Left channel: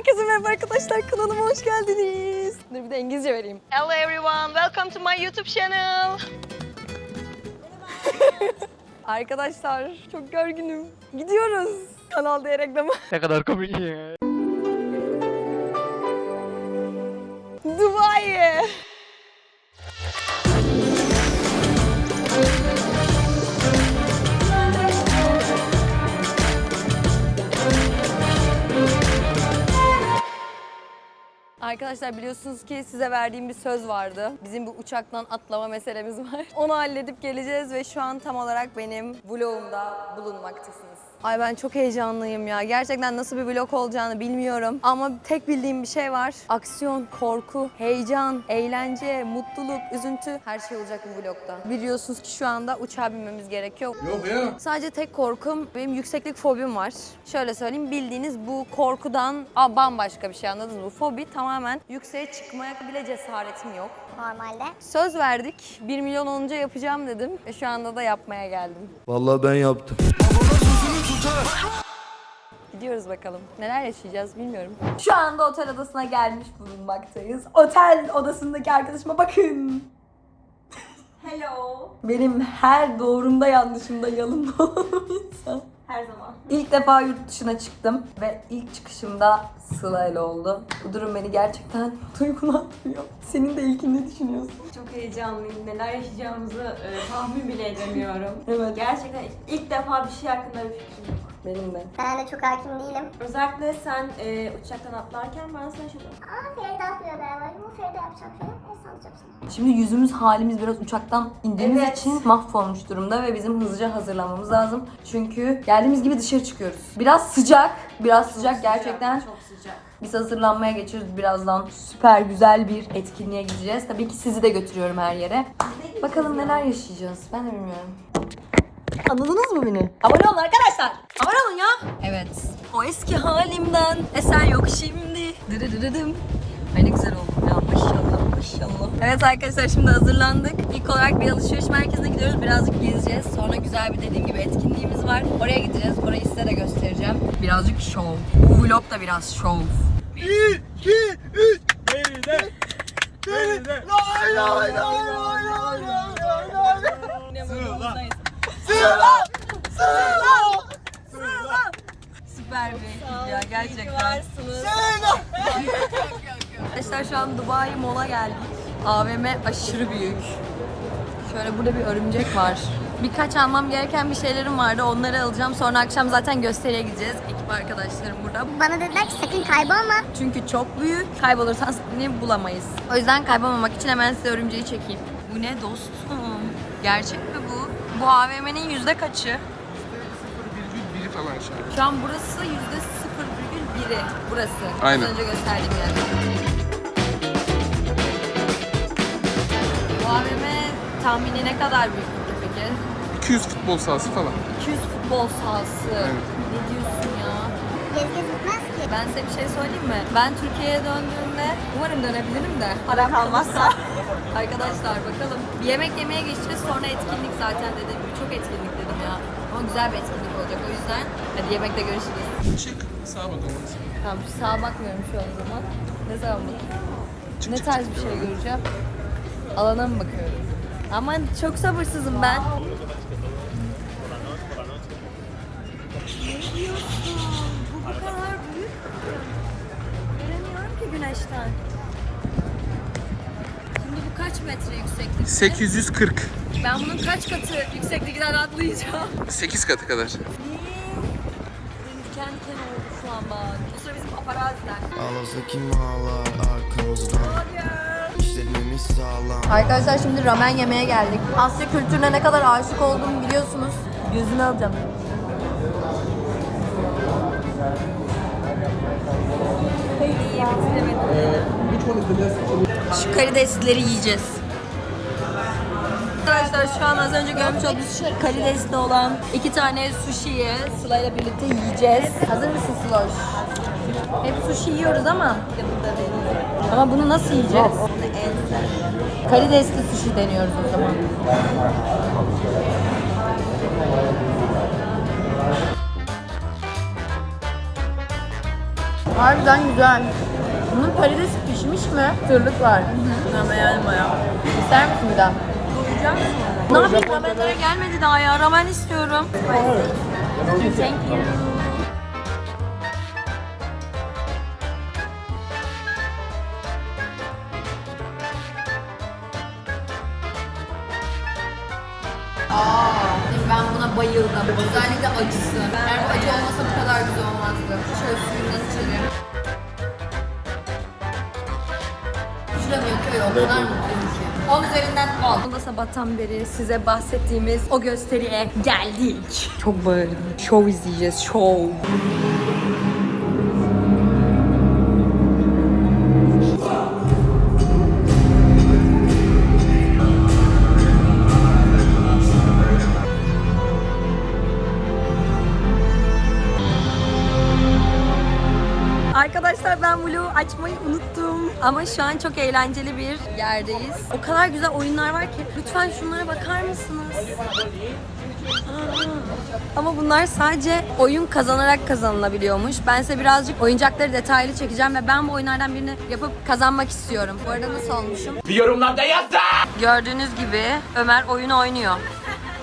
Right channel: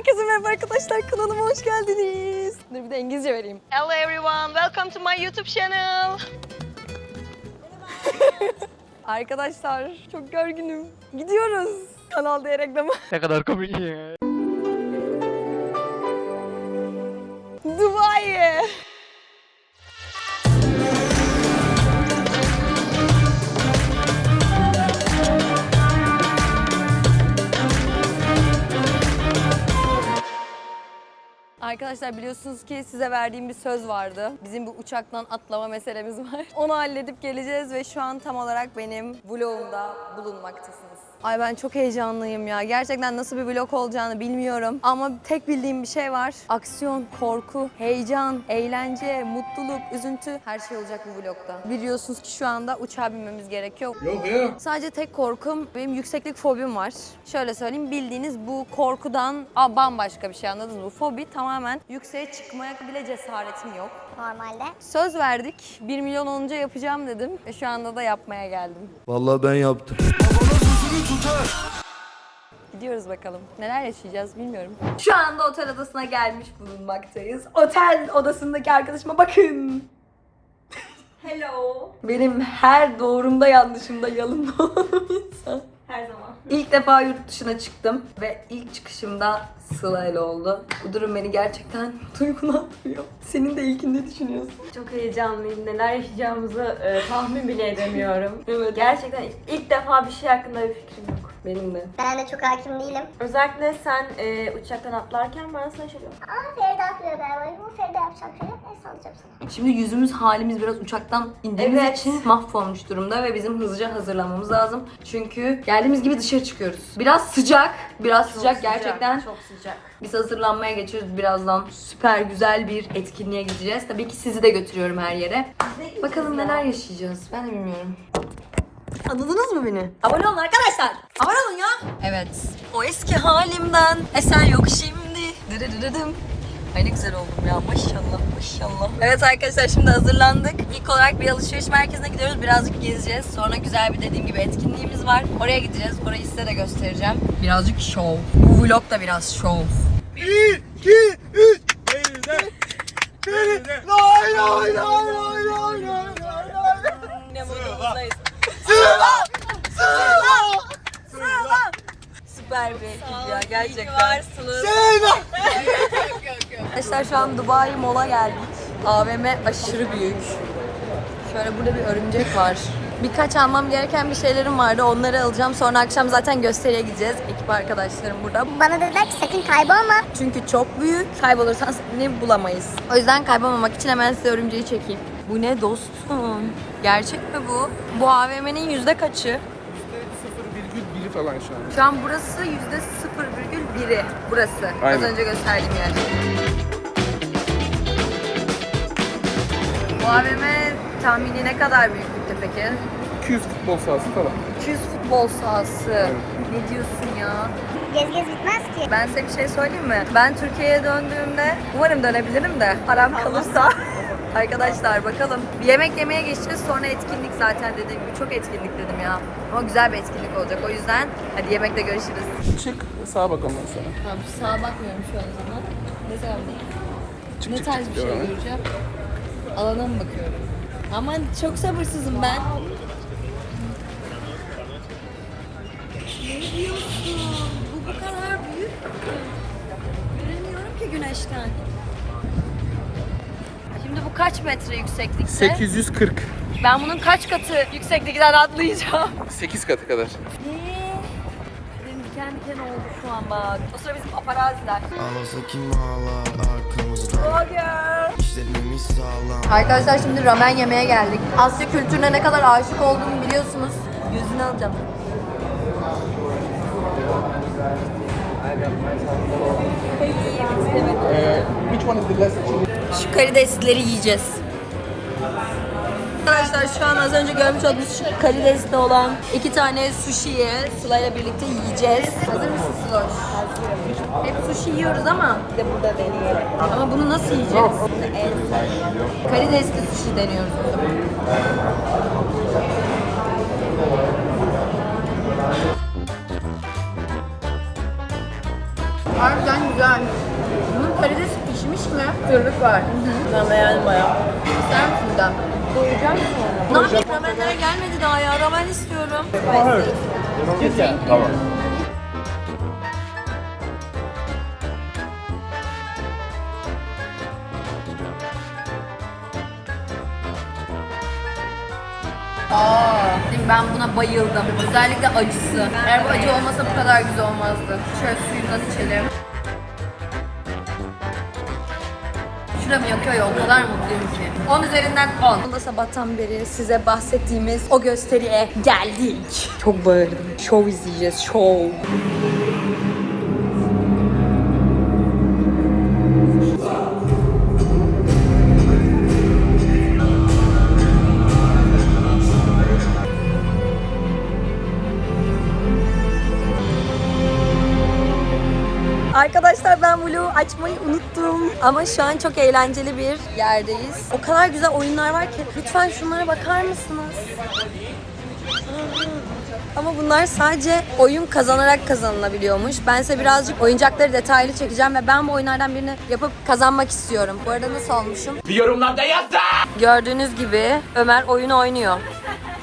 Herkese merhaba arkadaşlar kanalıma hoş geldiniz. Dur bir de İngilizce vereyim. Hello everyone, welcome to my YouTube channel. arkadaşlar çok gerginim. Gidiyoruz. Kanal diye reklamı. Ne kadar komik ya. Arkadaşlar biliyorsunuz ki size verdiğim bir söz vardı. Bizim bu uçaktan atlama meselemiz var. Onu halledip geleceğiz ve şu an tam olarak benim vlogumda bulunmaktasınız. Ay ben çok heyecanlıyım ya. Gerçekten nasıl bir vlog olacağını bilmiyorum. Ama tek bildiğim bir şey var. Aksiyon, korku, heyecan, eğlence, mutluluk, üzüntü her şey olacak bu vlogda. Biliyorsunuz ki şu anda uçağa binmemiz gerekiyor. Yok ya. Sadece tek korkum benim yükseklik fobim var. Şöyle söyleyeyim bildiğiniz bu korkudan aa, bambaşka bir şey anladınız mı? Bu fobi tamamen yükseğe çıkmaya bile cesaretim yok. Normalde. Söz verdik. 1 milyon olunca yapacağım dedim. Ve şu anda da yapmaya geldim. Vallahi ben yaptım. Gidiyoruz bakalım. Neler yaşayacağız bilmiyorum. Şu anda otel odasına gelmiş bulunmaktayız. Otel odasındaki arkadaşıma bakın. Hello. Benim her doğrumda yanlışımda yanımda olan insan. Her zaman. İlk defa yurt dışına çıktım ve ilk çıkışımda Sıla ile oldu. Bu durum beni gerçekten duygulandırıyor. Senin de ilkin ne düşünüyorsun? Çok heyecanlıyım. Neler yaşayacağımızı e, tahmin bile edemiyorum. Evet. Gerçekten ilk defa bir şey hakkında bir fikrim yok. Benim de. Ben de çok hakim değilim. Özellikle sen e, uçaktan atlarken ben sana diyorum. Aa Feride atlıyor galiba. Bu Feride yapacağım şey. Neyse alacağım sana. Şimdi yüzümüz halimiz biraz uçaktan indiğimiz Evet. için mahvolmuş durumda ve bizim hızlıca hazırlanmamız lazım. Çünkü geldiğimiz gibi dışarı çıkıyoruz. Biraz sıcak, biraz sıcak, gerçekten. Çok sıcak. Biz hazırlanmaya geçiyoruz birazdan. Süper güzel bir etkinliğe gideceğiz. Tabii ki sizi de götürüyorum her yere. Bakalım neler yaşayacağız. Ben de bilmiyorum. Anladınız mı beni? Abone olun arkadaşlar. Abone olun ya. Evet. O eski halimden eser yok şimdi. Dırırırıdım. Ay ne güzel oldum ya maşallah maşallah. Evet arkadaşlar şimdi hazırlandık. İlk olarak bir alışveriş merkezine gidiyoruz. Birazcık gezeceğiz. Sonra güzel bir dediğim gibi etkinliğimiz var. Oraya gideceğiz. Orayı size de göstereceğim. Birazcık show. Bu vlog da biraz show. Lay lay lay lay lay lay lay lay. Süper bir ekip ya gerçekten. Söyle. Arkadaşlar şu an Dubai Mall'a geldik. AVM aşırı büyük. Şöyle burada bir örümcek var. Birkaç almam gereken bir şeylerim vardı. Onları alacağım. Sonra akşam zaten gösteriye gideceğiz. Ekip arkadaşlarım burada. Bana dediler ki sakın kaybolma. Çünkü çok büyük. Kaybolursan seni bulamayız. O yüzden kaybolmamak için hemen size örümceği çekeyim. Bu ne dostum? Gerçek mi bu? Bu AVM'nin yüzde kaçı? Biri falan şu an. Şu an burası yüzde 0,1'i. Burası. Aynen. Az önce gösterdiğim yer. Bu AVM tahmini ne kadar büyüklükte peki? 200 futbol sahası falan. 200 futbol sahası. Aynen. Ne diyorsun ya? Gez gez bitmez ki. Ben size bir şey söyleyeyim mi? Ben Türkiye'ye döndüğümde umarım dönebilirim de param kalırsa. Arkadaşlar bakalım. Bir yemek yemeye geçeceğiz sonra etkinlik zaten dediğim gibi. Çok etkinlik dedim ya. Ama güzel bir etkinlik olacak. O yüzden hadi yemekte görüşürüz. Çık sağa bak ondan sonra. Tamam sağa bakmıyorum şu an o zaman. Ne zaman bakayım? Çık, Ne tarz çık, bir şey et. göreceğim? Alana mı bakıyorum? Aman çok sabırsızım ben. Ne diyorsun? Bu bu kadar büyük mü? Göremiyorum ki güneşten. Kaç metre yükseklikte? 840. Ben bunun kaç katı yükseklikten atlayacağım? 8 katı kadar. O sıra bizim paparaziler. Ağlasa kim ağlar arkamızdan sağlam Arkadaşlar şimdi ramen yemeye geldik. Asya kültürüne ne kadar aşık olduğumu biliyorsunuz. Gözünü alacağım. Which one is the best? Şu karidesleri yiyeceğiz. Arkadaşlar şu an az önce görmüş olduğunuz şu karidesli olan iki tane sushi'yi Sıla ile birlikte yiyeceğiz. Hazır mısın Sıloş? Hep sushi yiyoruz ama bir de burada deniyor. Ama bunu nasıl yiyeceğiz? Bunu el Karidesli sushi deniyoruz o zaman. Harbiden güzel. Mi? Tırlık var. Ben beğendim bayağı. İster misin bir daha? Doyacağım sonra. Ne yapayım ramenler gelmedi daha ya. Ramen istiyorum. Thank you. Aa, ben buna bayıldım. Özellikle acısı. Eğer bu acı olmasa bu kadar güzel olmazdı. Şöyle suyundan içelim. Yakıyor ya o kadar mutluyum ki. 10 üzerinden 10. Sabahtan beri size bahsettiğimiz o gösteriye geldik. Çok bağırdım. Show izleyeceğiz. Show. Açmayı unuttum. Ama şu an çok eğlenceli bir yerdeyiz. O kadar güzel oyunlar var ki. Lütfen şunlara bakar mısınız? Ama bunlar sadece oyun kazanarak kazanılabiliyormuş. Ben size birazcık oyuncakları detaylı çekeceğim ve ben bu oyunlardan birini yapıp kazanmak istiyorum. Bu arada nasıl olmuşum? Bir yorumlarda yaz da. Gördüğünüz gibi Ömer oyun oynuyor.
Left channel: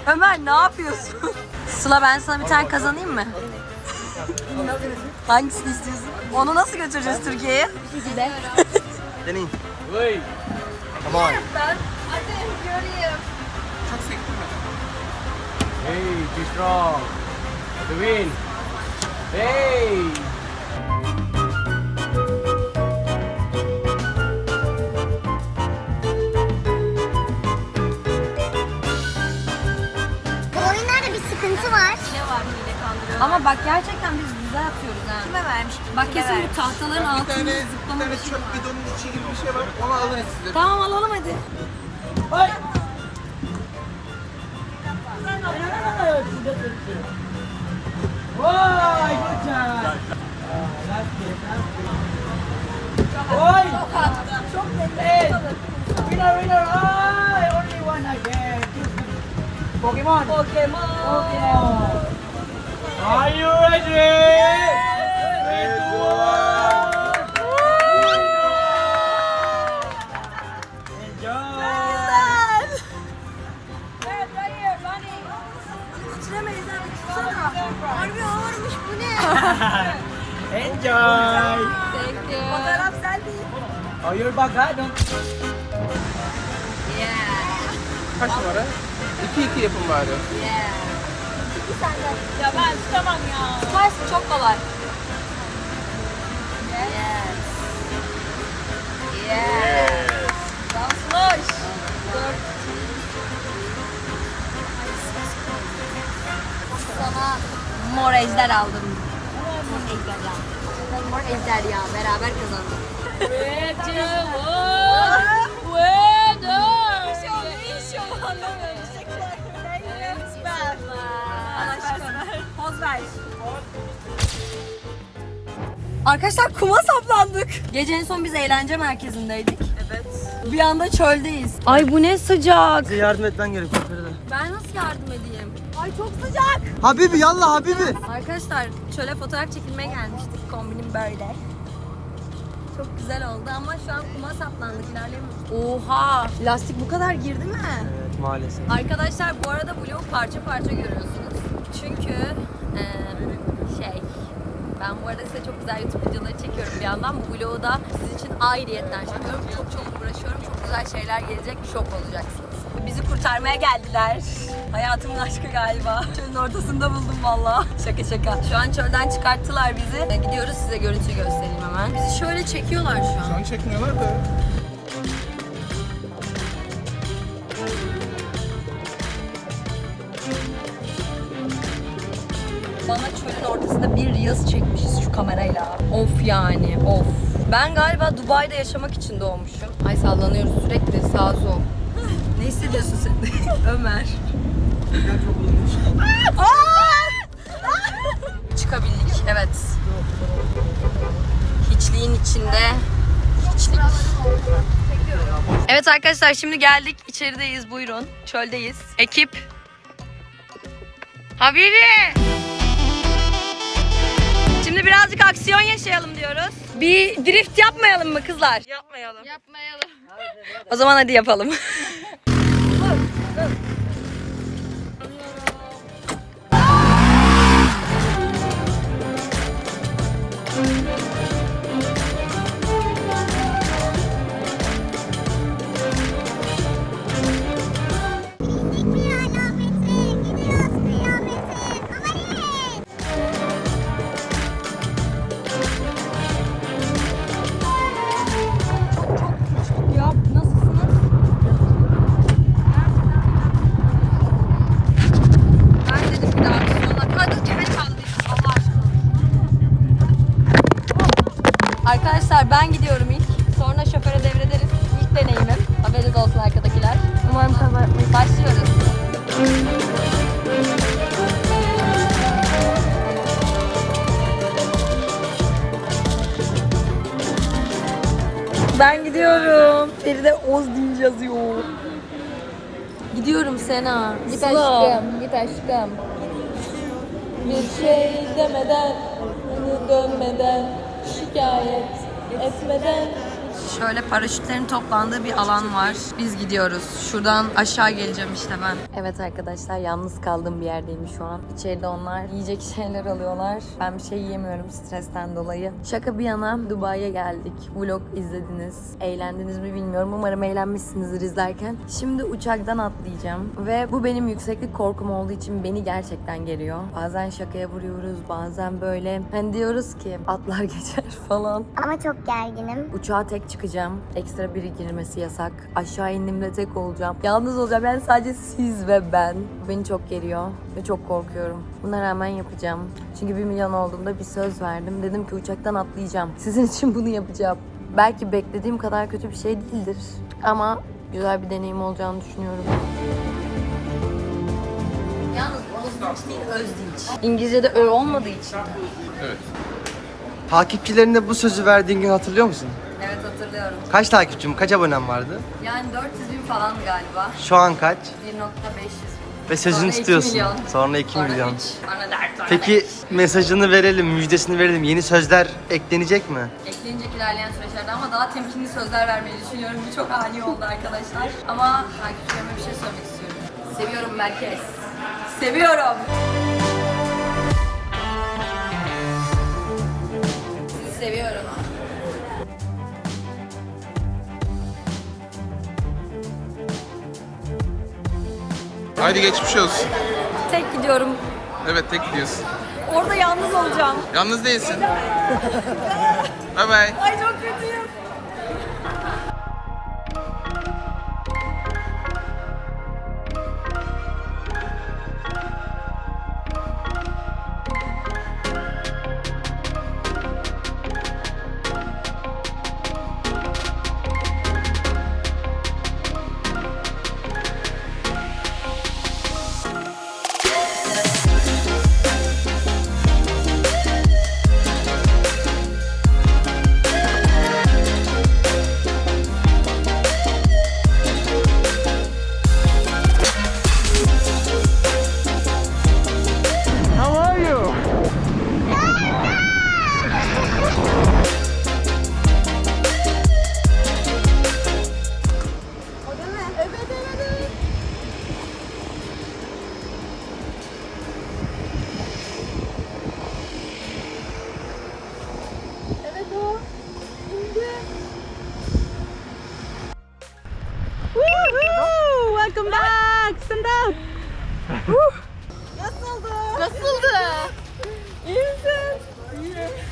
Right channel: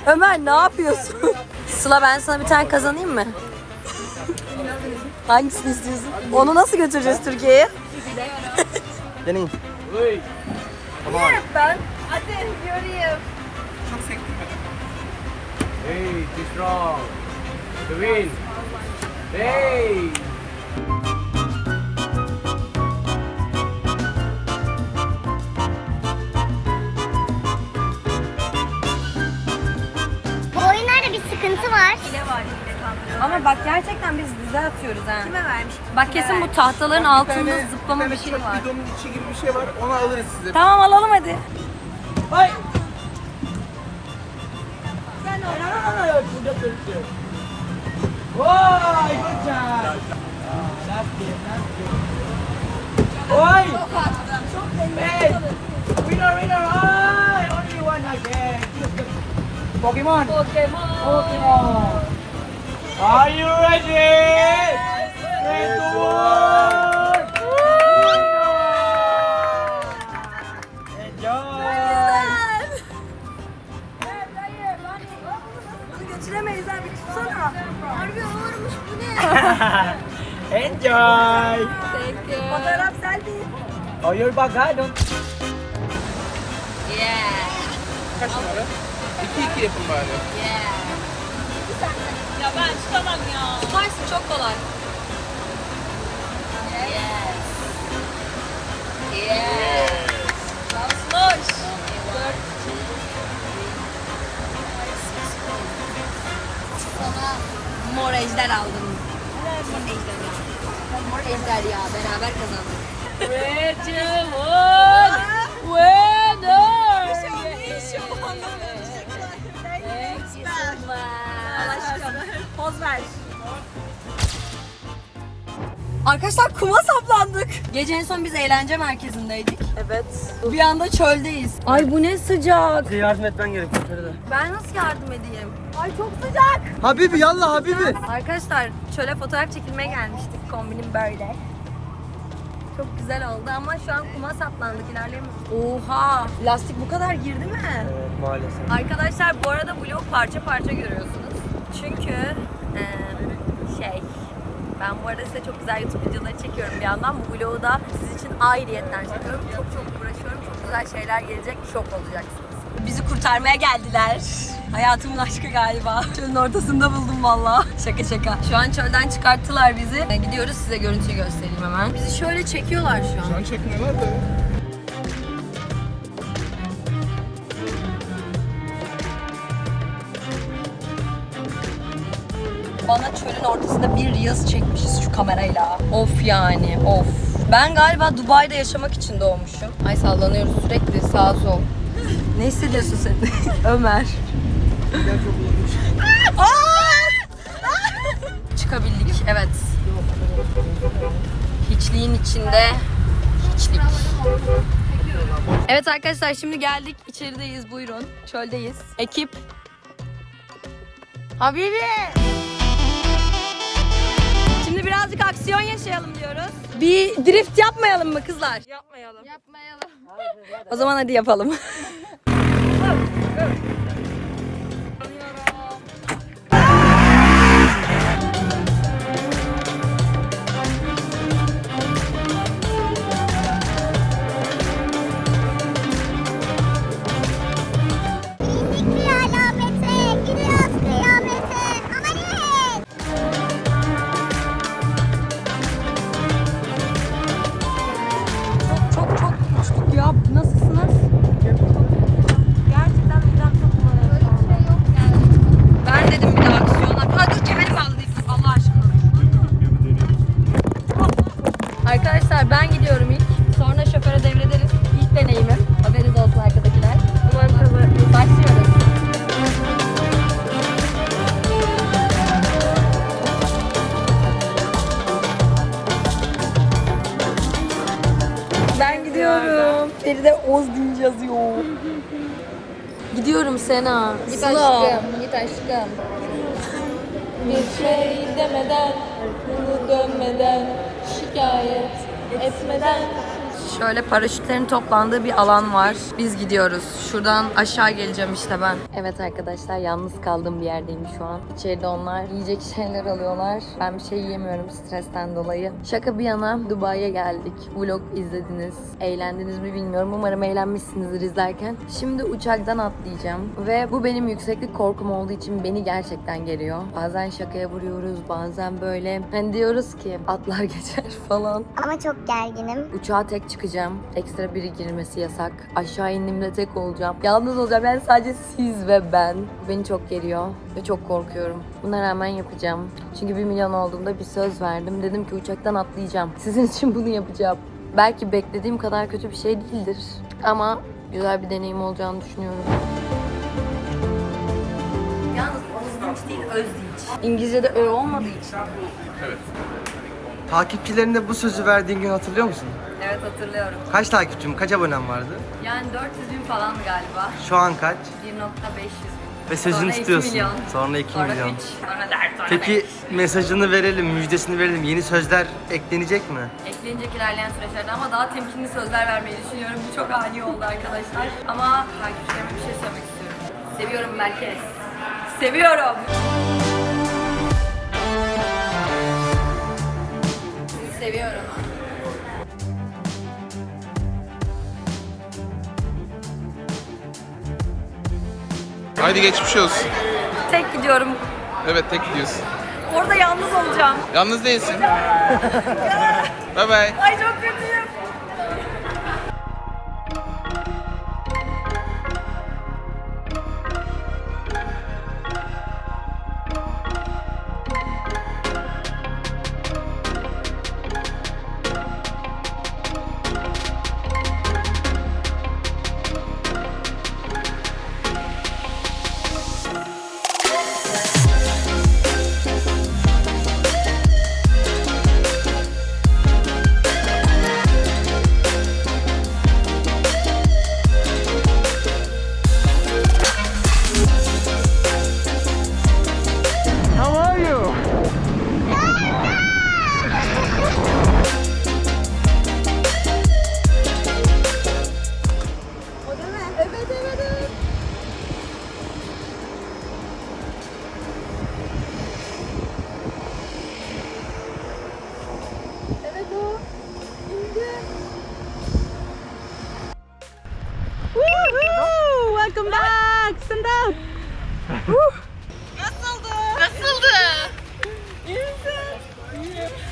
Ömer ne yapıyorsun? Sıla ben sana bir tane kazanayım mı? Hangisini istiyorsun? Onu nasıl götüreceğiz Türkiye'ye? Deneyim. Ben. Hadi göreyim. Hey. The win. Hey. Bu oyunlarda bir sıkıntı var. Ama bak gerçekten biz güzel atıyoruz ha. Kime vermiş? Bak kesin bu tahtaların altında zıplama bir şey var. Videonun içi gibi bir şey var. Onu alırız size. Tamam alalım hadi. Enjoy. Thank you. Fotoğraf selfie. Oh, you're back, huh? Don't Yeah. Kaç numara? 2-2 yapın bari. Ya ben tutamam ya. Tutarsın çok kolay. Yes. Yes. Dansloş. Sana mor ejder aldım. Ejderha. Mor ejderha beraber kazandık. Poz ver. Arkadaşlar kuma saplandık. Gece en son biz eğlence merkezindeydik. Evet. Bir anda çöldeyiz. Ay bu ne sıcak. yardım etmen gerekiyor Feride. Ben nasıl yardım edeyim? Ay çok sıcak. Habibi yallah Habibi. Arkadaşlar çöle fotoğraf çekilmeye gelmiştik. Kombinim böyle. Çok güzel oldu ama şu an kuma saplandık ilerleyemiyoruz. Oha! Lastik bu kadar girdi mi? Evet maalesef. Arkadaşlar bu arada vlog parça parça görüyorsunuz. Çünkü eee, şey ben bu arada size çok güzel YouTube videoları çekiyorum bir yandan. Bu vlogu da sizin için ayrıyetten çekiyorum. Çok çok uğraşıyorum. Çok güzel şeyler gelecek. Şok olacaksınız. Bizi kurtarmaya geldiler. Hayatımın aşkı galiba. Çölün ortasında buldum valla. Şaka şaka. Şu an çölden çıkarttılar bizi. Gidiyoruz size görüntüyü göstereyim hemen. Bizi şöyle çekiyorlar şu an. Onun şeklinde var da. Bana çölün ortasında bir Reels çekmişiz şu kamerayla. Of yani of. Ben galiba Dubai'de yaşamak için doğmuşum. Ay sallanıyoruz sürekli sağ sol. ne hissediyorsun sen? Ömer. Çıkabildik evet. Hiçliğin içinde hiçlik. Evet arkadaşlar şimdi geldik. İçerideyiz buyurun. Çöldeyiz. Ekip. Habibi. Şimdi birazcık aksiyon yaşayalım diyoruz. Bir drift yapmayalım mı kızlar? Yapmayalım. Yapmayalım. O zaman hadi yapalım. Sena. Git aşkım, git aşkım. Bir şey demeden, beni dönmeden, şikayet etmeden. Şöyle paraşütlerin toplandığı bir alan var. Biz gidiyoruz. Şuradan aşağı geleceğim işte ben. Evet arkadaşlar yalnız kaldığım bir yerdeyim şu an. İçeride onlar yiyecek şeyler alıyorlar. Ben bir şey yiyemiyorum stresten dolayı. Şaka bir yana Dubai'ye geldik. Vlog izlediniz. Eğlendiniz mi bilmiyorum. Umarım eğlenmişsinizdir izlerken. Şimdi uçaktan atlayacağım. Ve bu benim yükseklik korkum olduğu için beni gerçekten geriyor. Bazen şakaya vuruyoruz. Bazen böyle. Hani diyoruz ki atlar geçer falan. Ama çok gerginim. Uçağa tek çıkacağım. Ekstra biri girmesi yasak. Aşağı indiğimde tek olacağım. Yalnız olacağım. Yani sadece siz ve ben. Bu beni çok geriyor ve çok korkuyorum. Buna rağmen yapacağım. Çünkü bir milyon olduğumda bir söz verdim. Dedim ki uçaktan atlayacağım. Sizin için bunu yapacağım. Belki beklediğim kadar kötü bir şey değildir. Ama güzel bir deneyim olacağını düşünüyorum. Yalnız Ozdinç değil Özdinç. İngilizce'de ö olmadığı için. Takipçilerine bu sözü verdiğin gün hatırlıyor musun? Evet hatırlıyorum. Kaç takipçim, kaç abonem vardı? Yani 400 bin falandı galiba. Şu an kaç? 1.500 bin. Ve sözünü Sonra iki tutuyorsun. milyon. Sonra 2 Sonra milyon. üç, sonra dört, sonra Peki beş. mesajını verelim, müjdesini verelim. Yeni sözler eklenecek mi? Eklenecek ilerleyen süreçlerde ama daha temkinli sözler vermeyi düşünüyorum. Bu çok ani oldu arkadaşlar. Ama takipçilerime bir şey söylemek istiyorum. Seviyorum merkez. Seviyorum. Seviyorum. Haydi geçmiş olsun. Tek gidiyorum. Evet tek gidiyorsun. Orada yalnız olacağım. Yalnız değilsin. bye bye. Ay çok kötüyüm.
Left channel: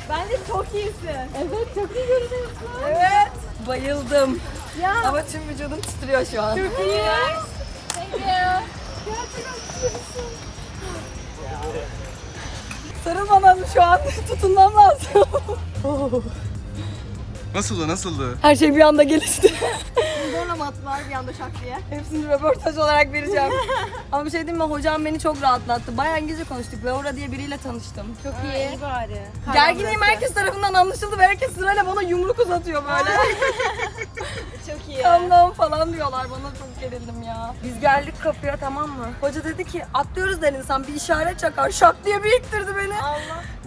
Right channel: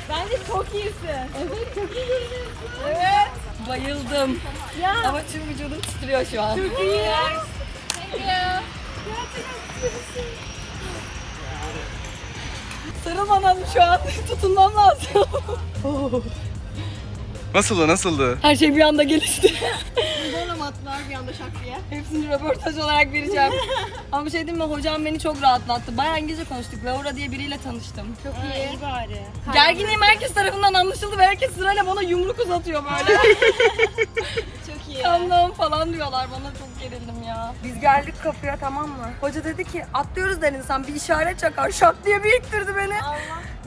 Bence çok iyisin. Evet çok iyi görünüyorsun. Evet. Bayıldım. Ya. Ama tüm vücudum titriyor şu an. Çok iyi. Thank you. Sarılman lazım şu an. Tutunmam lazım. Nasıldı nasıldı? Her şey bir anda gelişti. Attılar bir anda şak diye. Hepsini röportaj olarak vereceğim. Ama bir şey diyeyim mi? Hocam beni çok rahatlattı. Bayağı İngilizce konuştuk. Laura diye biriyle tanıştım. Çok iyi. iyi bari. Gerginliğim herkes tarafından anlaşıldı ve herkes sırayla bana yumruk uzatıyor böyle. çok iyi. Calm down falan diyorlar bana çok gerildim ya. Biz geldik kapıya tamam mı? Hoca dedi ki atlıyoruz der insan bir işaret çakar. Şak diye bir ittirdi beni.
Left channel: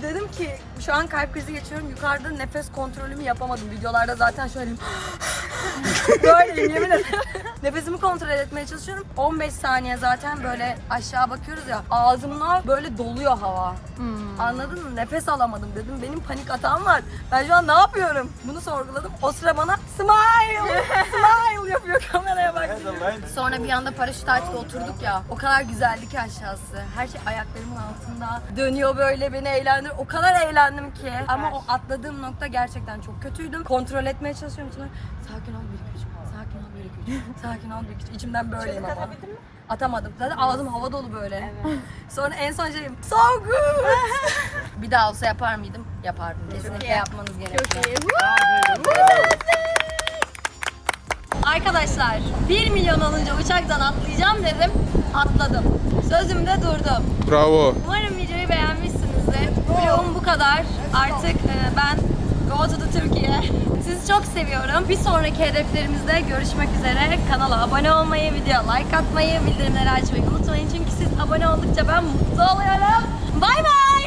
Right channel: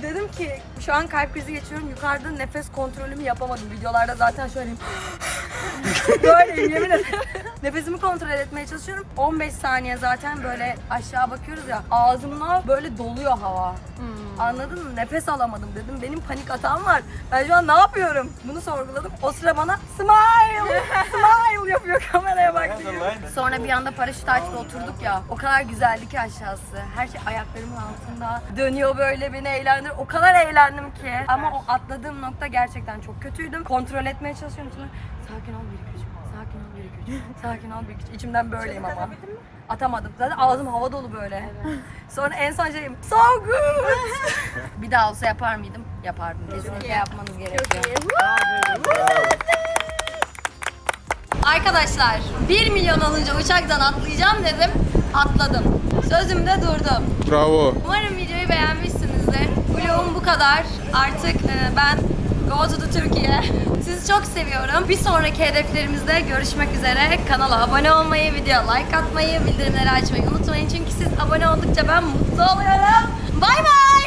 Dedim ki şu an kalp krizi geçiriyorum. Yukarıda nefes kontrolümü yapamadım. Videolarda zaten şöyleyim. Böyleyim yemin ederim. Nefesimi kontrol etmeye çalışıyorum. 15 saniye zaten böyle aşağı bakıyoruz ya. Ağzımla böyle doluyor hava. Anladın mı? Nefes alamadım dedim. Benim panik atağım var. Ben şu an ne yapıyorum? Bunu sorguladım. O sıra bana smile, smile yapıyor kameraya bak diyor. Sonra bir anda paraşüt açtı oturduk ya. O kadar güzeldi ki aşağısı. Her şey ayaklarımın altında. Dönüyor böyle beni eğlendir. O kadar eğlendim ki. Ama o atladığım nokta gerçekten çok kötüydüm. Kontrol etmeye çalışıyorum. İçimden, sakin ol bir iki üç. Sakin ol bir iki üç. Sakin ol bir iki üç. İçimden böyleyim ama. Atamadım. Zaten ağzım hava dolu böyle. Sonra en son şeyim so good. bir daha olsa yapar mıydım? Yapardım. Kesinlikle yapmanız gerekiyor. Arkadaşlar 1 milyon olunca uçaktan atlayacağım dedim. Atladım. Sözümde durdum. Bravo. Umarım videoyu beğenmişsinizdir. Vlogum bu kadar. Artık e, ben go to the Türkiye. Sizi çok seviyorum. Bir sonraki hedeflerimizde görüşmek üzere. Kanala abone olmayı, video like atmayı, bildirimleri açmayı unutmayın. Çünkü siz abone oldukça ben mutlu oluyorum. Bay bay.